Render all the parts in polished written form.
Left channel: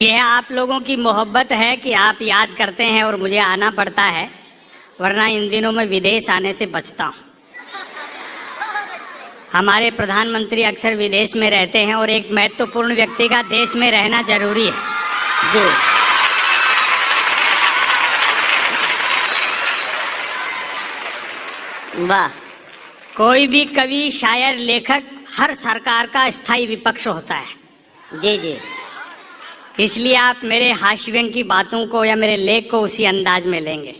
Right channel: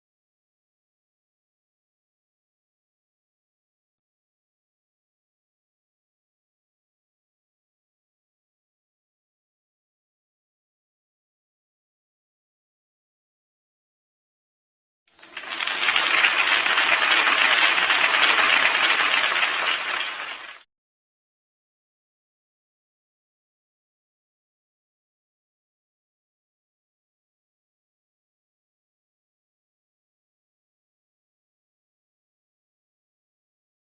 यह आप लोगों की मोहब्बत है कि आप याद करते हैं और मुझे आना पड़ता है, वरना इन दिनों में विदेश आने से बचता हूँ। हमारे प्रधानमंत्री अक्सर विदेश में रहते हैं और एक महत्वपूर्ण व्यक्ति का देश में रहना जरूरी है। जी वाह। कोई भी कवि, शायर, लेखक हर सरकार का स्थायी विपक्ष होता है। जी जी। इसलिए आप मेरे हास्य व्यंग की बातों को या मेरे लेख को उसी अंदाज में लेंगे।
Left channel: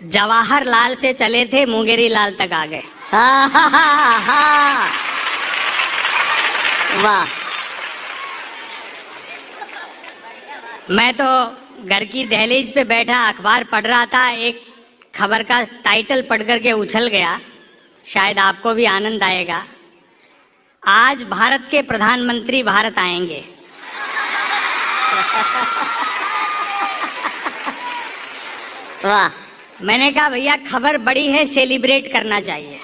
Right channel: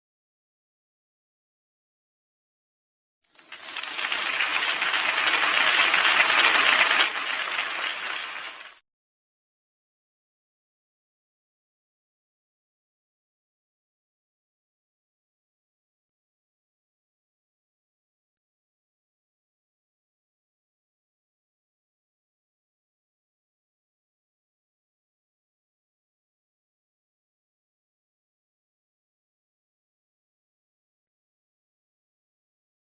जवाहरलाल से चले थे, मुंगेरी लाल तक आ गए। वाह। मैं तो घर की दहलीज पे बैठा अखबार पढ़ रहा था, एक खबर का टाइटल पढ़ करके उछल गया। शायद आपको भी आनंद आएगा। आज भारत के प्रधानमंत्री भारत आएंगे। वाह। मैंने कहा भैया खबर बड़ी है, सेलिब्रेट करना चाहिए।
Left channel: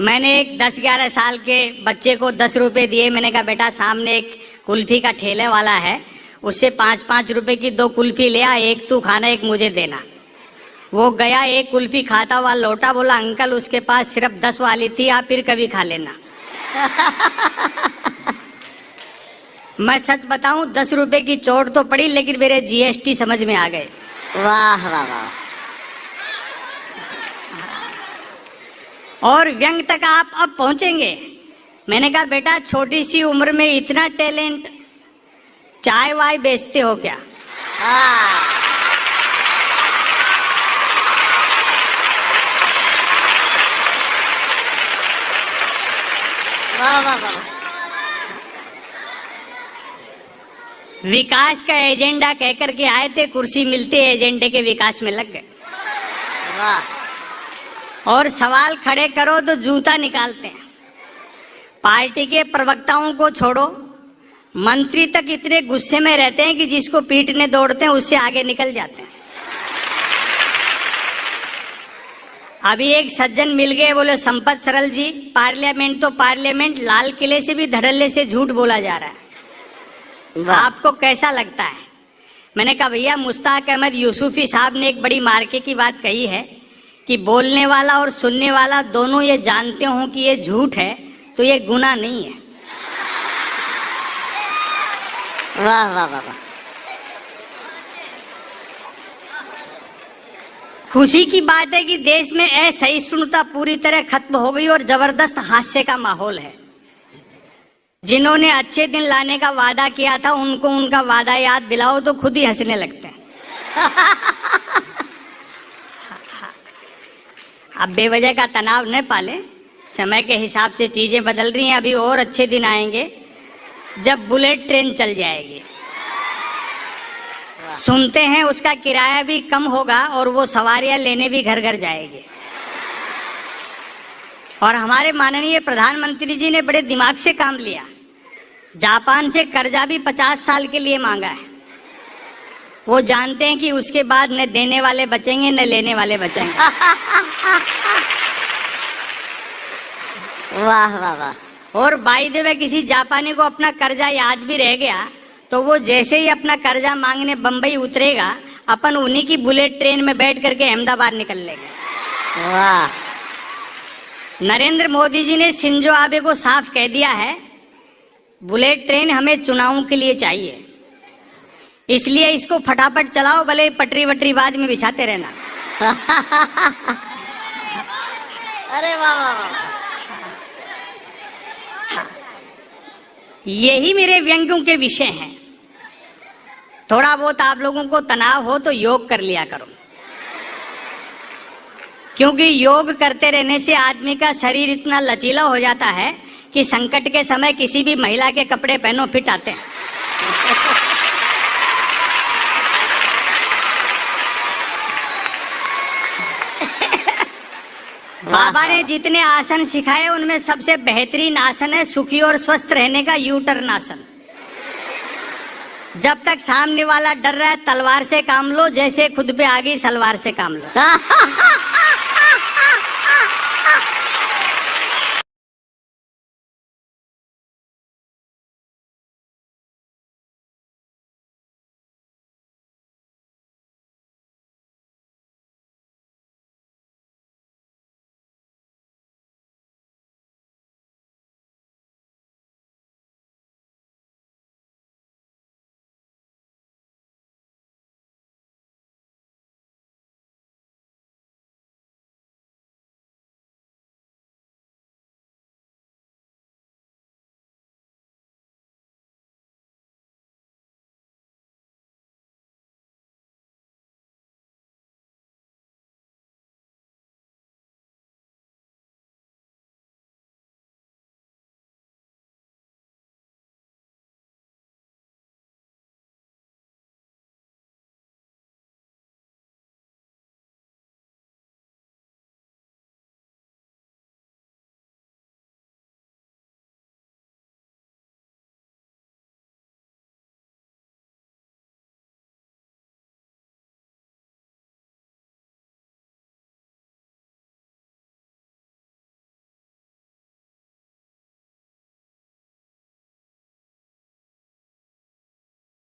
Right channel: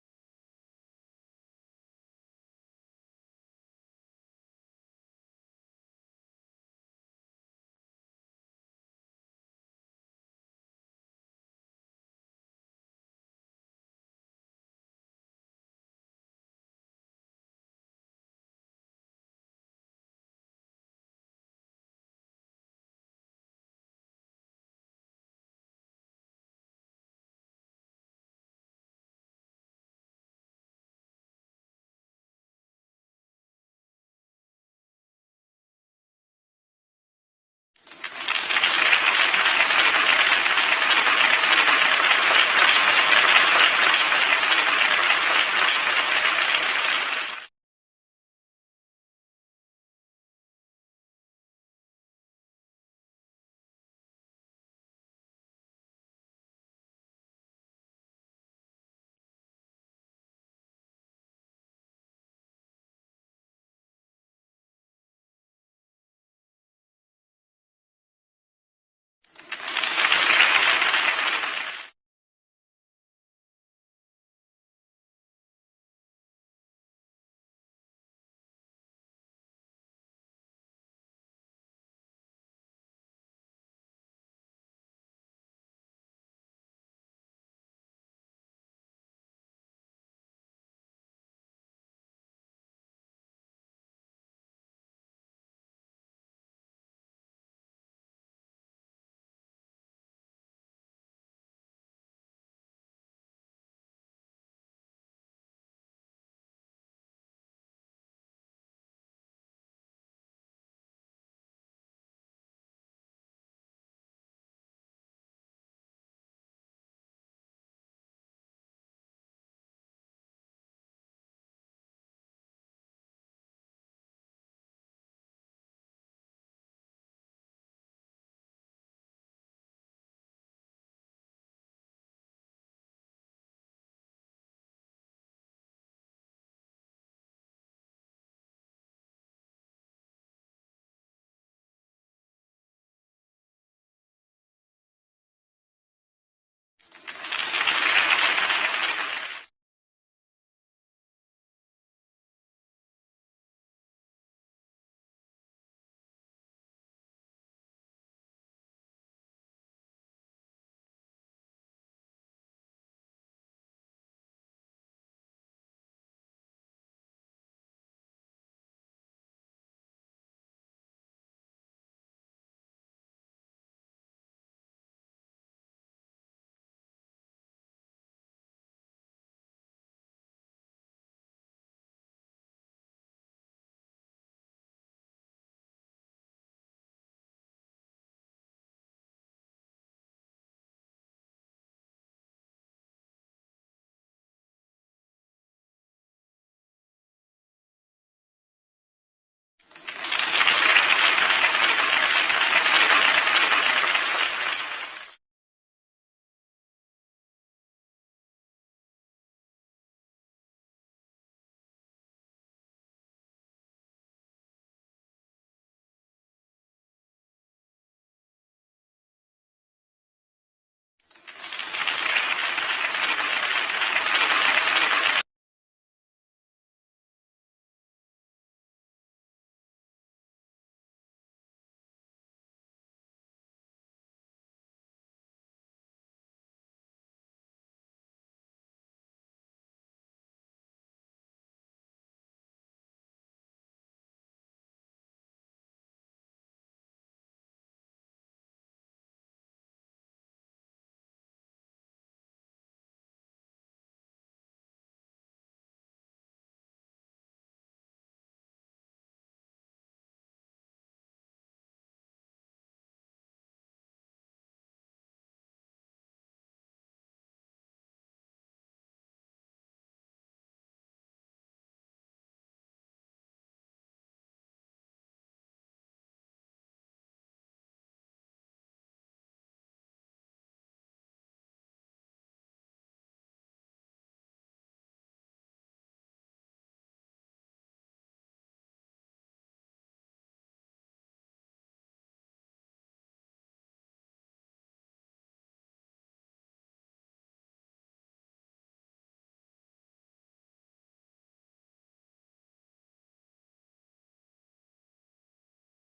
मैंने एक 10-11 साल के बच्चे को 10 रुपए दिए। मैंने कहा बेटा सामने एक कुल्फी का ठेले वाला है, उससे 5-5 रुपए की 2 कुल्फी ले आ, एक तू खाना एक मुझे देना। वो गया, एक कुल्फी खाता हुआ लौटा, बोला अंकल उसके पास सिर्फ 10 वाली थी, आप फिर कभी खा लेना। मैं सच बताऊं 10 रुपए की चोट तो पड़ी, लेकिन मेरे जीएसटी समझ में आ गए। वाह वाह वाह। और व्यंग तक आप अब पहुंचेंगे। मैंने कहा बेटा छोटी सी उम्र में इतना टैलेंट, चाय वाय बेचते हो क्या? वाह वाह वाह। विकास का एजेंडा कह करके आए थे, कुर्सी मिलते एजेंडे के विकास में लग गए। वाह। और सवाल खड़े करो तो जूता निकालते हैं। पार्टी के प्रवक्ताओं को छोड़ो, मंत्री तक इतने गुस्से में रहते हैं कि जिसको पीटने दौड़ते हैं उससे आगे निकल जाते हैं। अभी एक सज्जन मिल गए, बोले संपत सरल जी, पार्लियामेंट तो पार्लियामेंट, लाल किले से भी धड़ल्ले से झूठ बोला जा रहा है, आपको कैसा लगता है? मैंने कहा भैया मुश्ताक अहमद यूसुफी साहब ने एक बड़ी मार्के की बात कही है कि बोलने वाला और सुनने वाला दोनों ये जानते हो कि ये झूठ है तो ये गुनाह नहीं है। वाह वाह वाह वाह। खुशी की बात है कि देश में असहिष्णुता पूरी तरह खत्म हो गई और जबरदस्त हास्य का माहौल है। जिन्होंने अच्छे दिन लाने का वादा किया था उनको उनका वादा याद दिलाओ तो खुद ही हंसने लगते हैं। अब बेवजह का तनाव न पाले, समय के हिसाब से चीजें बदल रही हैं। अभी और अच्छे दिन आएंगे जब बुलेट ट्रेन चल जाएगी। सुनते हैं उसका किराया भी कम होगा और वो सवारियां लेने भी घर घर जाएगी। और हमारे माननीय प्रधानमंत्री जी ने बड़े दिमाग से काम लिया। जापान से कर्जा भी 50 साल के लिए मांगा है। वो जानते हैं कि उसके बाद न देने वाले बचेंगे न लेने वाले बचेंगे। वाह वाह वाह। और बाय द वे किसी जापानी को अपना कर्जा याद भी रह गया तो वो जैसे ही अपना कर्जा मांगने बंबई उतरेगा, अपन उन्हीं की बुलेट ट्रेन में बैठ करके अहमदाबाद निकल लेंगे। वाह। नरेंद्र मोदी जी ने शिंजो आबे को साफ कह दिया है, बुलेट ट्रेन हमें चुनावों के लिए चाहिए, इसलिए इसको फटाफट चलाओ, भले पटरी वटरी बाद में बिछाते रहना। अरे वाह वाह वाह। यही मेरे व्यंग्यों के विषय हैं। थोड़ा बहुत आप लोगों को तनाव हो तो योग कर लिया करो, क्योंकि योग करते रहने से आदमी का शरीर इतना लचीला हो जाता है कि संकट के समय किसी भी महिला के कपड़े पहनो फिट आते हैं। बाबा ने जितने आसन सिखाए उनमें सबसे बेहतरीन आसन है सुखी और स्वस्थ रहने का यू टर्न आसन। जब तक सामने वाला डर रहा है तलवार से काम लो, जैसे खुद पे आ गई सलवार से काम लो।